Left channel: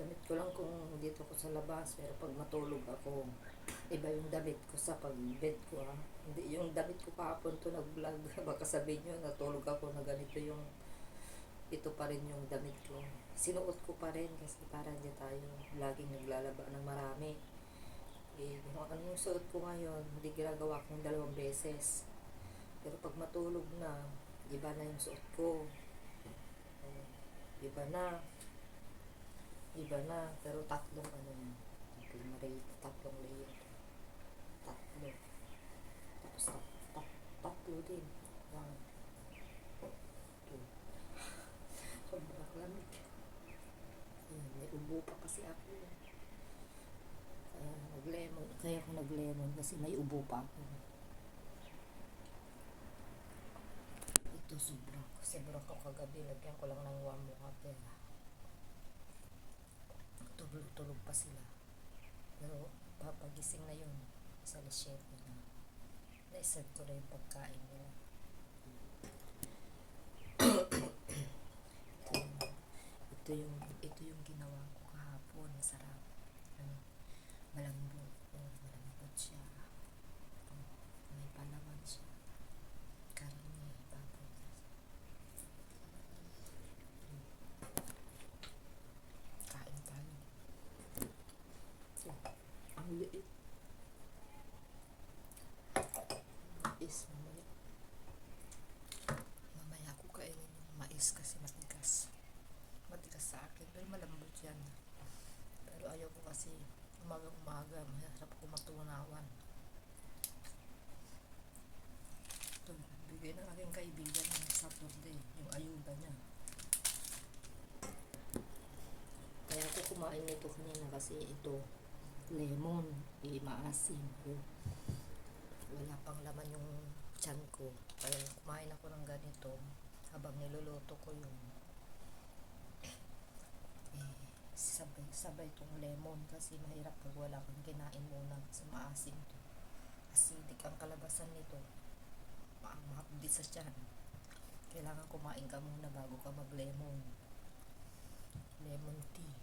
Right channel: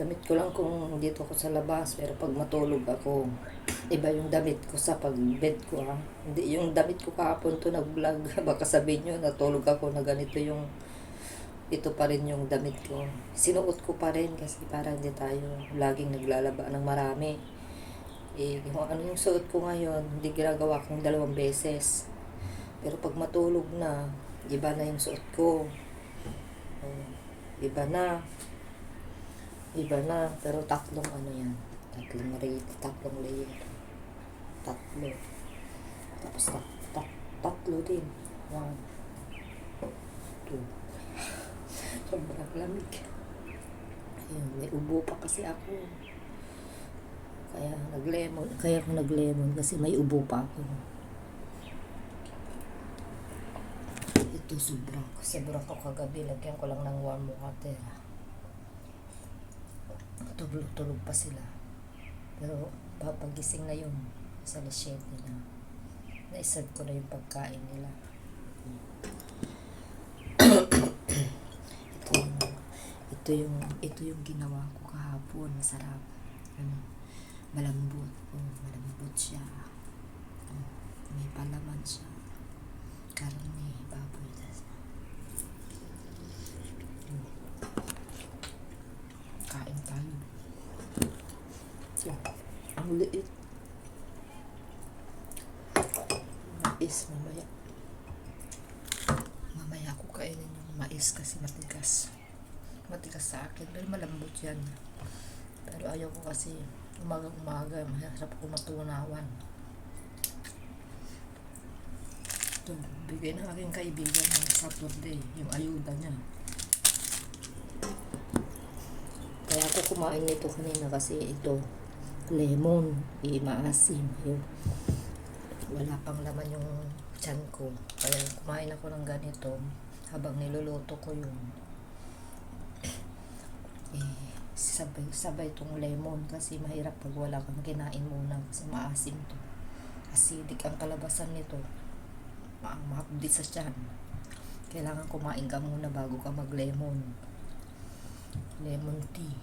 Damit ko lang kung dito ako sa labas, pero pag matulog ako, iba yung damit ko sa pag-bed ko ha. Hindi yung damit ko kahapon to nag-vlog. Baka sabihin nyo, natulog ako na ganito yung, ito pa rin yung damit ko. Sinuot ko pa rin kasi para hindi tayo laging naglalaba ng marami. Kung ano yung suot ko ngayon, hindi ginagawa kong 2 beses. Pero pag matulog na, iba na yung suot ko. Oh, iba na. Iba na. Pero tatlong ano yan. Tatlong layer. Tatlo. Tapos tatlo din. 1, 2. Sobrang lamig. Ayun, may ubo pa kasi ako. Kaya ako nag-lemon kasi may ubo pa ako. Ito sobrang ko kagabi. Lagyan ko lang ng warm water. Tulog pa sila. Pero papagising na yun sa 7 na. Na-serve ko na yung pagkain nila. ito yung ginawa ko kahapon. Masarap. Malambot. Malambot siya. May palaman siya. Karne, baboy. Kain tayo. Ang liit. Mais mamaya. Mamaya ko kainin yung mais kasi matigas. Matigas sa akin. Pero malambot yan. Pero ayaw ko kasi umaga. Mahirap ko matunawan. Ito, bigay ng aking kaibigan ng Saturday. Yung ayuda niya. Kaya ako kumain nito kanina kasi ito lemon, maasim. Yun. Wala pang laman yung tiyan ko. Kaya kumain ako ng ganito habang niluluto ko yun. Sabay itong lemon kasi mahirap pag wala kang kinain muna kasi maasim to. Acidic ang kalabasan nito. Mahapdi sa tiyan. Kailangan kumain ka muna bago ka mag-lemon. Lemon tea.